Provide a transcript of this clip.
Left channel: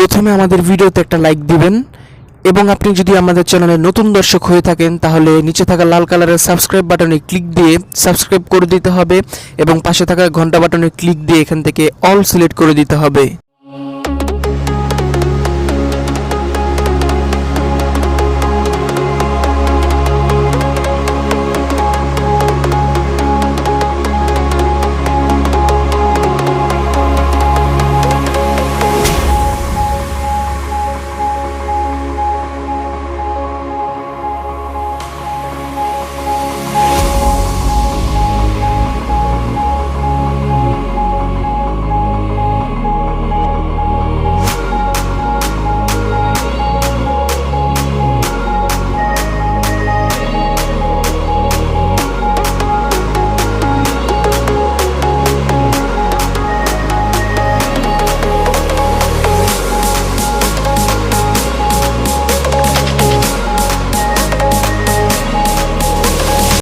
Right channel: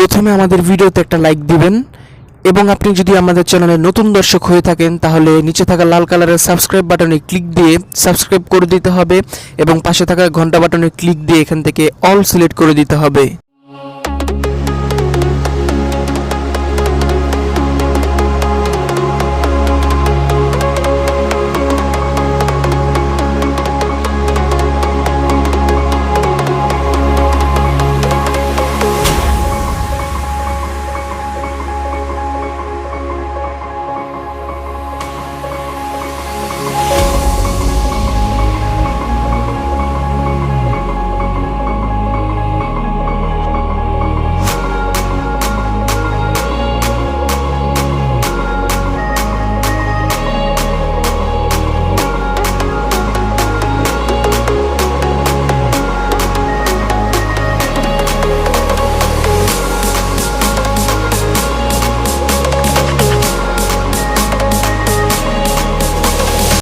প্রথমে আমাদের ভিডিওতে একটা লাইক দিবেন এবং আপনি যদি আমাদের চ্যানেলে নতুন দর্শক হয়ে থাকেন তাহলে নিচে থাকা লাল কালারের সাবস্ক্রাইব বাটনে ক্লিক দিয়ে সাবস্ক্রাইব করে দিতে হবে এবং পাশে থাকা ঘন্টা বাটনে ক্লিক দিয়ে এখান থেকে অল সিলেক্ট করে দিতে হবে।